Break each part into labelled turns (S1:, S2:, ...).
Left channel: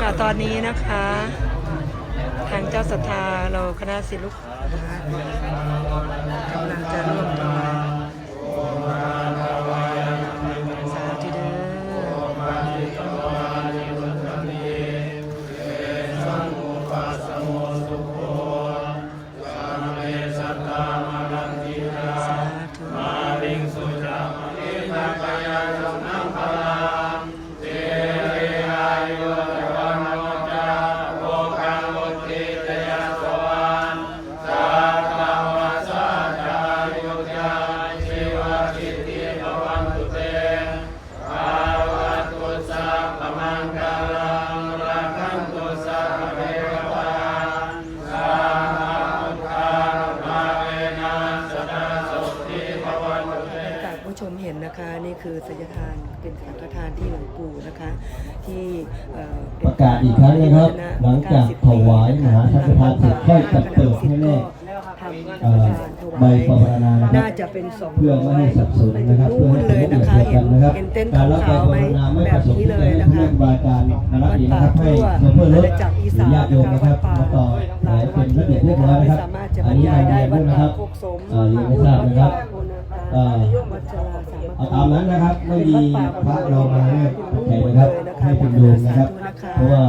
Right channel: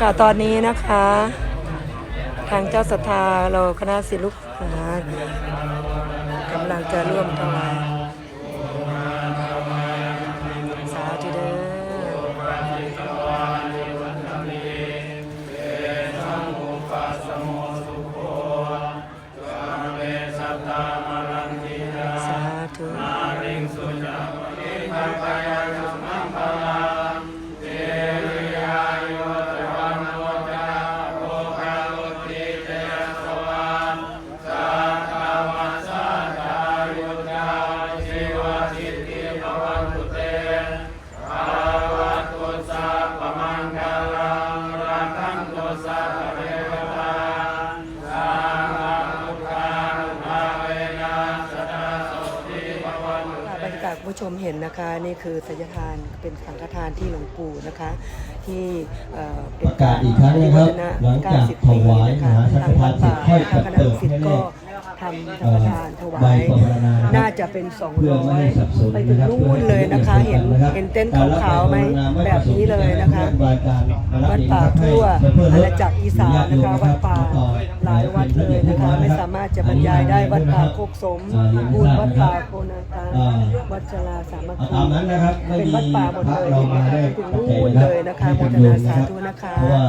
S1: ค่ะตอนนี้นะคะ ทางเจ้าศรัทธาเราคณะศิลุกนะกำลังจะร่วมถว ผู้ชมเห็นนะคะนี่คือสัญทานเป็นสังฆทานที่หลวงปู่นะคะ ที่เอ่อเป็
S2: ป
S1: น
S2: ระกาศอีกครั้งนะครับ หลังจากถวายมหาสังฆทานเสร็จค่อยจะเปิดให้เลข
S1: ทำ
S2: เอ่อใบปรณานะครับ
S1: น่าจะเป็นสอง
S2: เพื่อไม่ให้สับสนนะครับ
S1: ไป
S2: เพื่อ
S1: นู่น
S2: ให้
S1: เลย
S2: เป็นระ
S1: นะ
S2: เบียบ
S1: คะ
S2: เดียวกันนะครับ
S1: เห็นเห็นเต็นท์
S2: การรับ
S1: ขา
S2: ใบ
S1: วๆ
S2: ป
S1: ไหม
S2: รณาไม่
S1: แบ
S2: ประ
S1: บ
S2: สงค์
S1: นี้
S2: ที่
S1: เล
S2: จะ
S1: ย
S2: ให้
S1: นะ
S2: เพื่
S1: คะ
S2: อนบาการมารับดีนะครับให้เพื่อเลิกสีญาติโยมนะครับมาต่อไหนเป็นระเบียบเรียบร้อยนะครับ
S1: สามารถจะบรรยายได้วัด
S2: นะค
S1: ป่า
S2: รับ
S1: โคกสม
S2: อ่ายังไม่ทราบนะครับ
S1: เอ่
S2: อ่อ
S1: วัดจราสามัคคี
S2: ตามนั้นนะครับไม่มีพระเรามาได้ปัจจัยนะครับให้เป็นโยมนะครับ เพราะว่า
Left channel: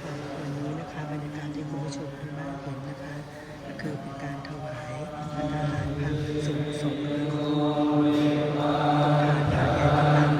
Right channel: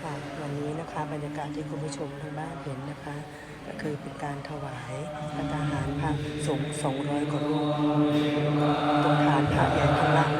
S1: ค่ะวันนี้นะคะบรรยากาศที่คุณผู้ชมทางบ้านเห็นนะคะ ก็คือเป็นการถวายพัฒหารพระสงฆ์200กว่ารูปตรงฐานพระใหญ่ข้าง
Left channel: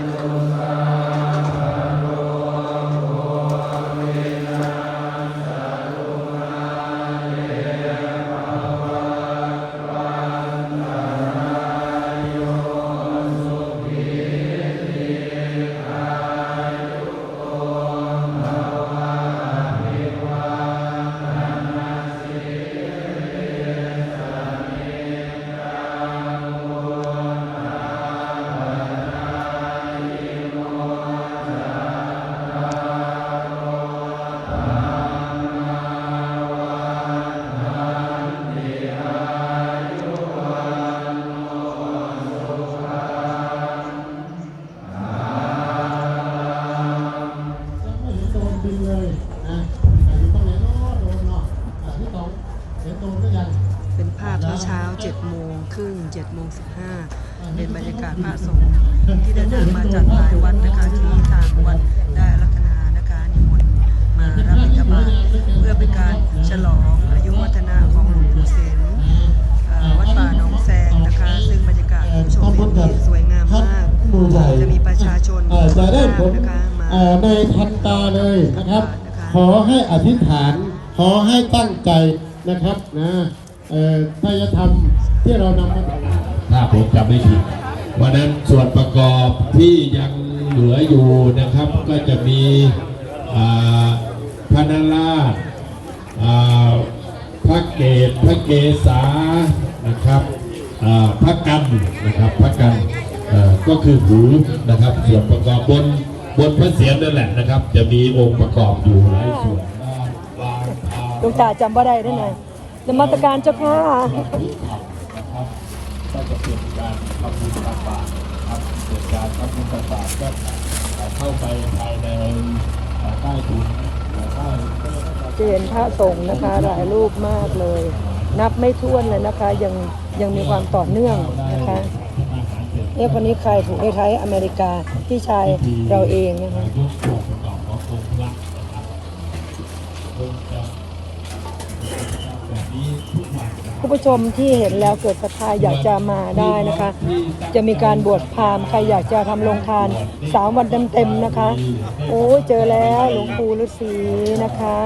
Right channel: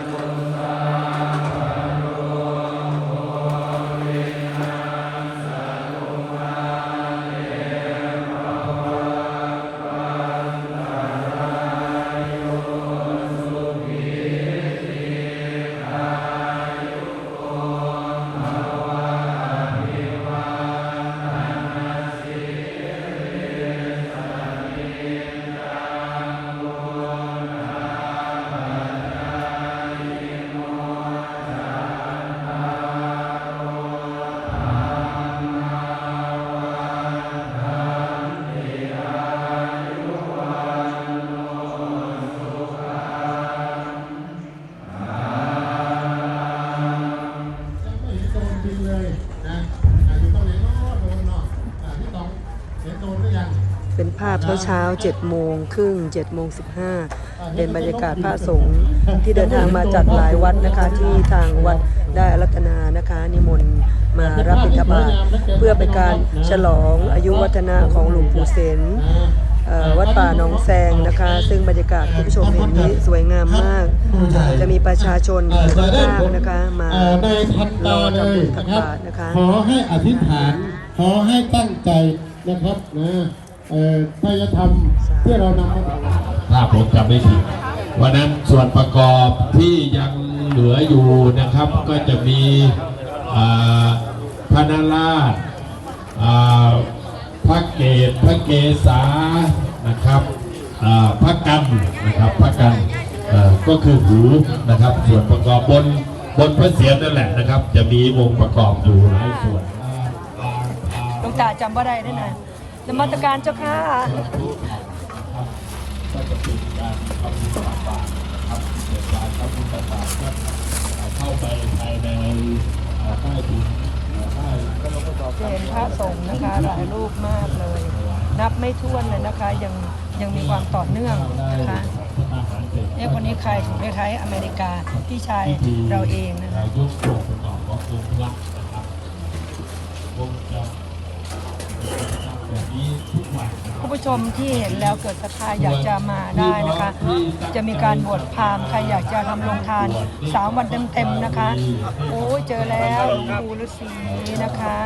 S1: าพเช้าๆ7โมงครึ่ง7โมง15เป็นบรรยากาศพระสงฆ์ที่เดินทางมาจากหลายวัดนะคะที่ทางวัดได้อารัตนานะคะนิมนต์มารับบิณฑบาตเพื่อเป็นการฉลองอายุวัฒนะของหลวงปู่เสนเอ่อวัดป่าหนองแซงนะคะ ซึ่งบรรยากาศคุณผู้ชมเห็นนี้สวยงามมาก จะมีประชาชนค่อนข้างนะคะมา
S3: เอ่อในทัน
S1: ร
S3: ตา
S1: อ
S3: เล
S1: ทำบุ
S3: ย
S1: ญตัก
S3: นะครับ
S1: บาตรนะคะ
S3: ขอให้อธิษฐานขอให้ตั้งใจนะครับนะ เอ่อถ้าจะทำที่เรานำมา
S4: ถ้าผมจำไม่ผิดวันนั้นส่วนประกอบที่ยังเหลืออยู่นะครับ ก็จะมีอ่าพระนาราชอ่าพระเกศพระเกศานะครับอ่าพระกันนะครับพระกันอ่าก็คือหูนะครับ ส่วนประกอบบนบนพระเศียรนั่นแหละนะครับ จะมีองค์ประกอบอยู่หลายส่วนบางอ่า
S1: ลุงจ่าจำว่าได้ได้ไหน นมัสการเจ้าค่ะ
S4: เข้าไปภายในใต้ถุน
S1: จะเห็นพระสงฆ์นะคะหลายรูปมากเลย นับไม่ถ้วนเลยนะคะ ยังยังมีความต่อเนื่องนะคะเนี่ยคนนี้ใครถึงไทยอเมริกาที่ชายเราเองนะคะ
S4: ยกตัวประกอบขององค์รักนะครับคงจะแบบนี้ทุกวันนะครับ
S1: คุณผู้ ชมที่เห็นแล้วเกิดศรัทธาอยากจะมาได้นะคะ จะมีการบวชพราหมณ์ใครอยากจะทำโรงทานสามวันเต็มๆนะคะโอ้เจอแล้วหลวงปู่ฤาษีนะคะ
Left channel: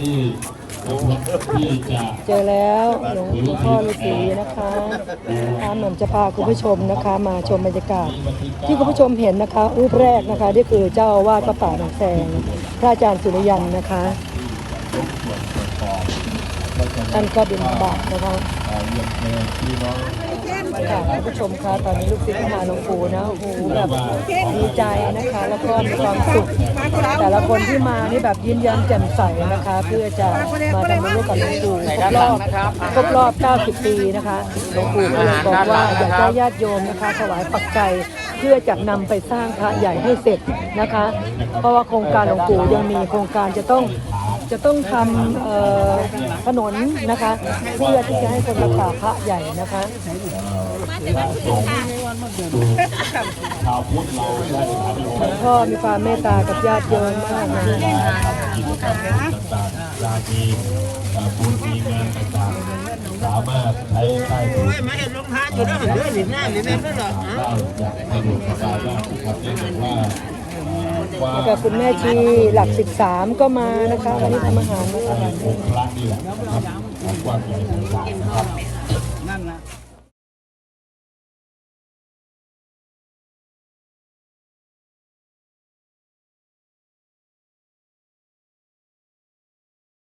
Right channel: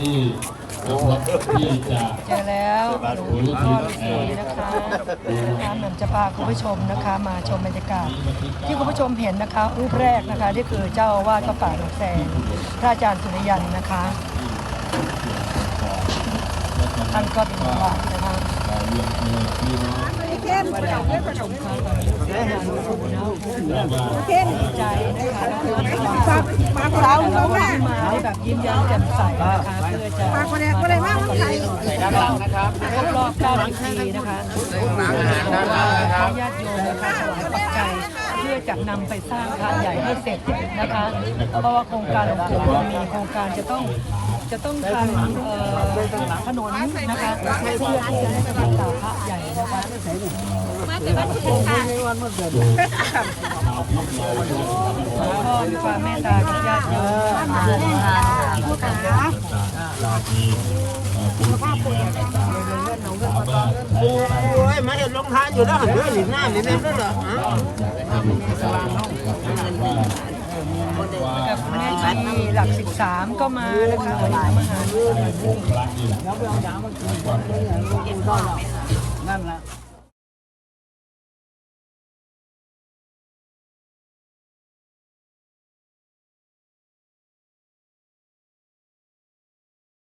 S4: ที ที่จะ
S1: เจอแล้วหลวงพ่อสีนะคะท่านนำจะพาคุณผู้ชมนะคะ มาชมบรรยากาศ ที่คุณผู้ชมเห็นนะคะ รูปแรกนะคะนี่คือเจ้าอาวาสกระป่าหนองแสงพระอาจารย์สุริยันนะคะท่านก็เป็นบาทนะคะคุณผู้ชมคะตอนนี้ลูกศิษย์มาหลวงปู่นะโอ้โหดีใจ นะคะแล้วก็มีความสุขแต่ละคนที่มานี่แบบยิ้มแย้มแจ่มใสนะคะเพื่อจะมาทำให้กับดูครบรอบ 90 ปีนะคะบอกว่าอยากให้ญาติโยมนะคะถวายปักไก่ เพื่อจะนำไปสร้างพระใหญ่ให้เสร็จนะคะ เพราะว่าโครงการหลวงปู่ยังมีโครงการจะต้องจะต้องทำเอ่อถนนนะคะเพื่อที่จะให้สร้างพระใหญ่นะคะก็มีความเมตตากับญาติโยมนะคะ
S4: โอ้ยมาเห็นลงทานอยู่แล้วหันเรื่องหลินหน้าหลินเล่นด้วยเหรอฮะ
S1: กับ คุณแม่ชีหลัก 13 ก็มานะคะวันนี้มาหาด้วย
S4: นั่นแหละ